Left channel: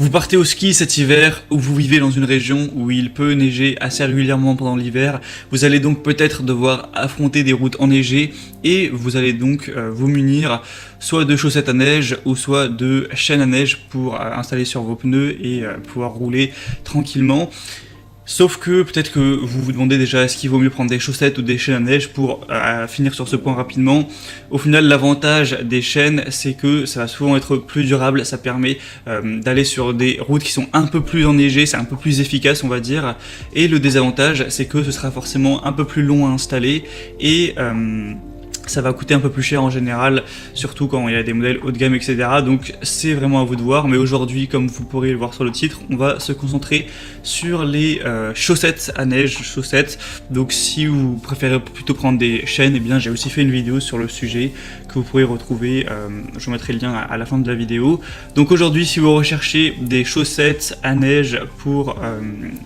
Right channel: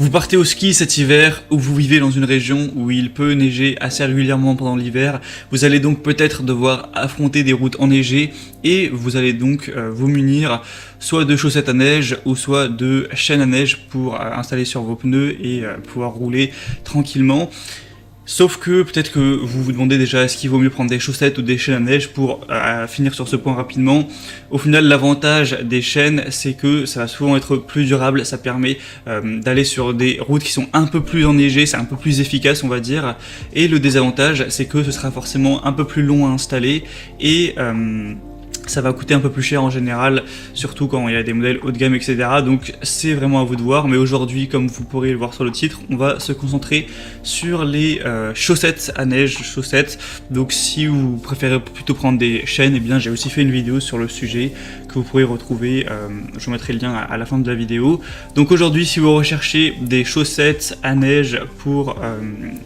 Vous partez au ski cet hiver ou vous vivez dans une région où il peut neiger assez régulièrement pendant l'hiver. Vous allez donc peut-être devoir affronter des routes enneigées et vous allez donc vous munir soit de chaussettes à neige ou soit de chaînes à neige pour installer sur vos pneus et pouvoir rouler tranquillement. Sauf que peut-être que vous vous demandez déjà est-ce qu'il vaut mieux prendre des chaussettes ou des chaînes à neige pour finir sur ce point rapidement. Au final, l'avantage des chaînes, c'est que ça va souvent être plus durable, ça permet d'aller sur des routes qui sont un peu plus enneigées, c'est un peu plus efficace on va dire. Et le désavantage, c'est que ce sera forcément un peu plus long à installer et ça va coûter un peu plus cher en général, surtout quand il y a des modèles haut de gamme, etc. Donc c'est vraiment à vous de voir. Mais aujourd'hui, comme vous pourrez le voir sur le titre, on va se concentrer sur les chaussettes à neige, chaussettes. Donc si vous préférez plutôt prendre des chaînes, eh bien j'ai aussi fait une vidéo sur le sujet que vous pourrez retrouver. Je vous mettrai le lien à la fin de la vidéo. Donc aujourd'hui, si vous recherchez des chaussettes à neige pour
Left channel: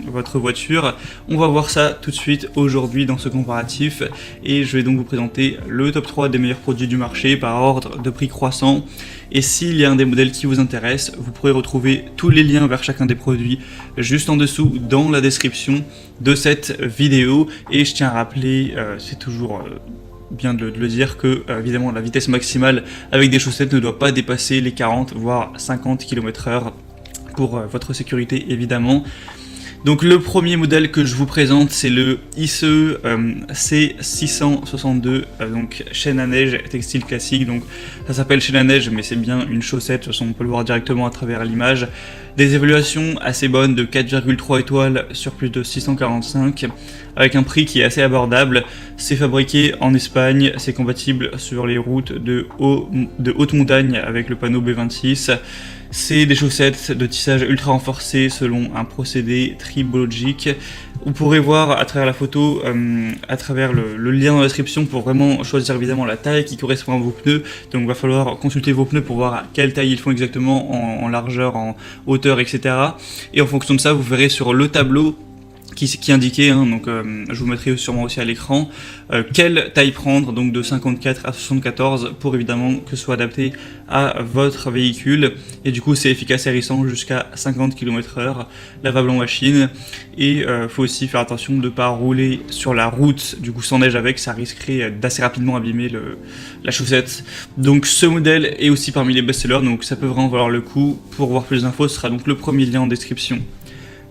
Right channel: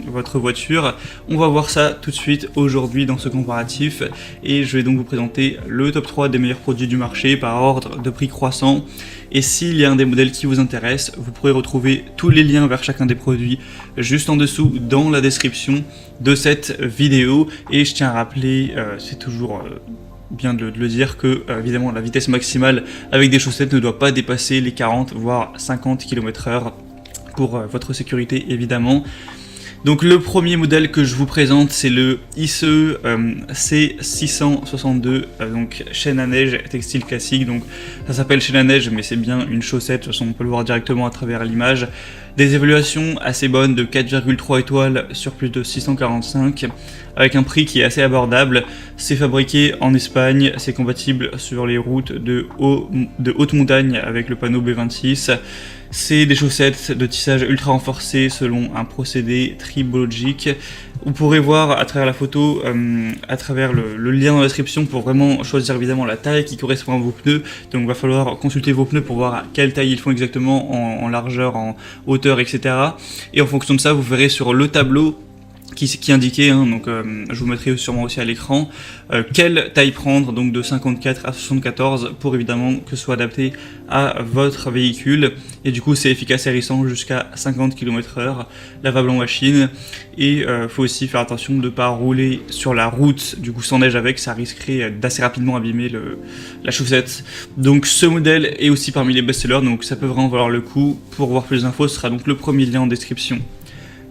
votre voiture, on va voir ça tout de suite aujourd'hui dans ce comparatif. Et je vais donc vous présenter le top 3 des meilleurs produits du marché par ordre de prix croissant. Et s'il y a un des modèles qui vous intéresse, vous pourrez retrouver tous les liens vers chacun des produits juste en dessous dans la description de cette vidéo. Et je tiens à rappeler, c'est toujours bien de le dire, que évidemment la vitesse maximale avec des chaussettes ne doit pas dépasser les 40 voire 50 km/h pour votre sécurité évidemment. Donc le premier modèle que je vous présente, c'est le ICE C662, donc chaîne à neige textile classique. Donc ça s'appelle chaîne à neige, mais c'est bien une chaussette, on peut le voir directement à travers l'image. Des évaluations assez bonnes de 4,3 étoiles sur plus de 645, avec un prix qui est assez abordable. C'est fabriqué en Espagne, c'est compatible sur les routes de haute montagne avec le panneau B26. C'est des chaussettes de tissage ultra renforcé selon un procédé tribologique. Vous pourrez voir à travers la photo, à travers le lien dans la description pour vraiment choisir évidemment la taille qui correspond à vos pneus. Donc il va falloir consulter vos pneus pour voir quelle taille ils font exactement en largeur, en hauteur, etc. Et en fonction de ça, vous verrez sur le tableau qui est indiqué, donc je vous mettrai sûrement aussi à l'écran, quelle taille prendre, donc de 54 à 74 pour évidemment que ce soit adapté à votre véhicule. Et du coup c'est efficace et récent jusqu'à 50 km/h, lavable en machine. Et faut aussi faire attention de ne pas rouler sur la route du coup sans neige avec, ça risquerait d'assez rapidement abîmer la chaussette. Donc ce modèle est aussi parmi les best-sellers, donc ça peut vraiment valoir le coup. Pour voir plus d'infos, ce sera donc le premier lien en description.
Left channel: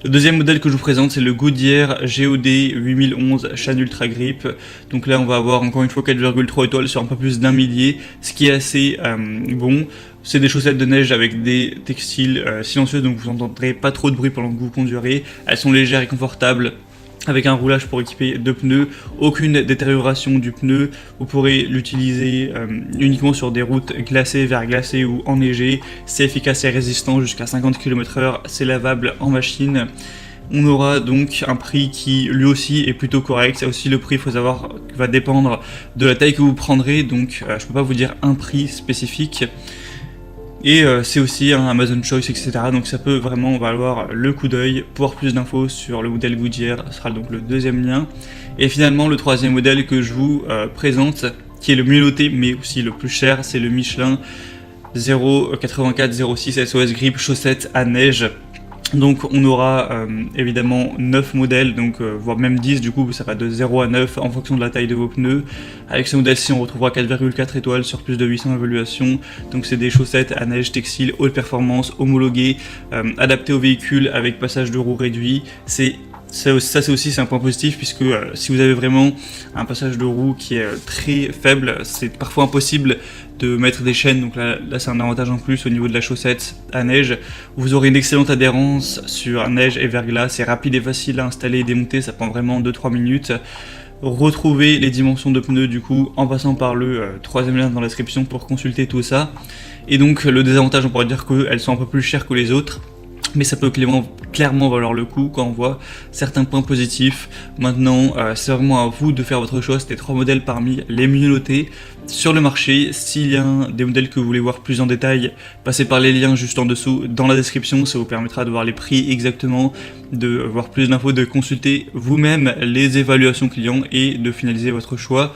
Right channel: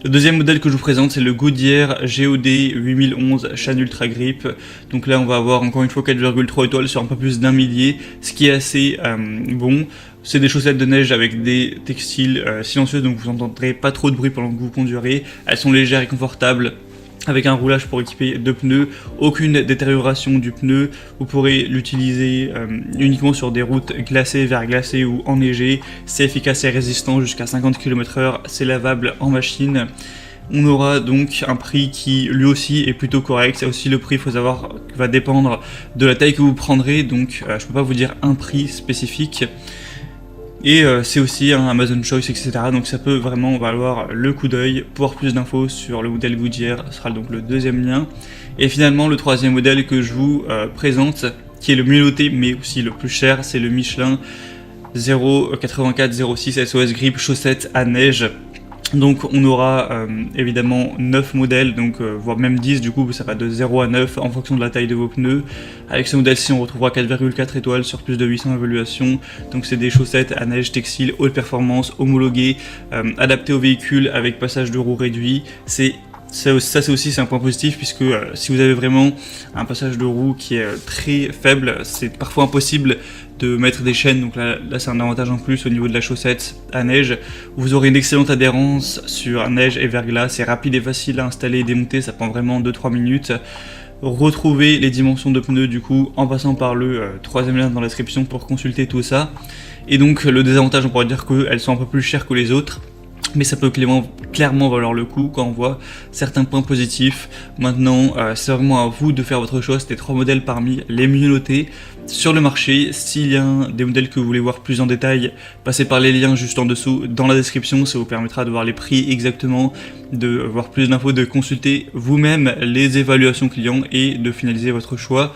Le deuxième modèle que je vous présente, c'est le Goodyear GOD 8011 chaîne Ultra Grip. Donc là, on va avoir encore une fois 4,3 étoiles sur un peu plus d'un millier, ce qui est assez bon. C'est des chaussettes de neige avec des textiles silencieux, donc vous n'entendrez pas trop de bruit pendant que vous conduirez. Elles sont légères et confortables, avec un roulage pour équiper deux pneus, aucune détérioration du pneu. Vous pourrez l'utiliser uniquement sur des routes glacées, verglacées ou enneigées. C'est efficace et résistant jusqu'à 50 km/h, c'est lavable en machine. On aura donc un prix qui lui aussi est plutôt correct. C'est aussi le prix, il faut savoir, va dépendre de la taille que vous prendrez, donc je peux pas vous dire un prix spécifique. Et c'est aussi un Amazon Choice, etc. Donc ça peut vraiment valoir le coup d'œil. Pour plus d'infos sur le modèle Goodyear, ce sera donc le deuxième lien. Et finalement, le troisième modèle que je vous présente, qui est le mieux noté mais aussi le plus cher, c'est le Michelin 08406 SOS Grip chaussettes à neige. Donc on aura évidemment 9 modèles, donc voire même 10 du coup, ça peut être de 0 à 9 en fonction de la taille de vos pneus. Avec ce modèle-ci, on retrouvera 4,4 étoiles sur plus de 800 évaluations. Donc c'est des chaussettes à neige textile haute performance, homologuées, adaptées au véhicule avec passage de roue réduit. Ça aussi c'est un point positif, puisque si vous avez vraiment un passage de roue qui est très faible, c'est parfois impossible de mettre des chaînes. Donc là c'est un avantage en plus au niveau de la chaussette à neige. Vous aurez une excellente adhérence sur neige et verglas, c'est rapide et facile à installer et démonter, ça prend vraiment 2-3 minutes. Retrouvez les dimensions de pneus du coup en passant par le troisième lien dans la description pour consulter tout ça. Et donc le désavantage, on pourrait dire qu'elles sont un peu plus chères que les autres, mais ça peut clairement valoir le coup quand on voit certains points positifs. Maintenant, c'est vraiment à vous de faire votre choix. C'était 3 modèles parmi les mieux notés sur le marché. S'il y a des modèles que vous voulez voir plus en détail, passez par les liens juste en dessous dans la description. Ça vous permettra de voir les prix exactement, de voir plus d'infos, de consulter vous-même les évaluations clients et de finaliser votre choix.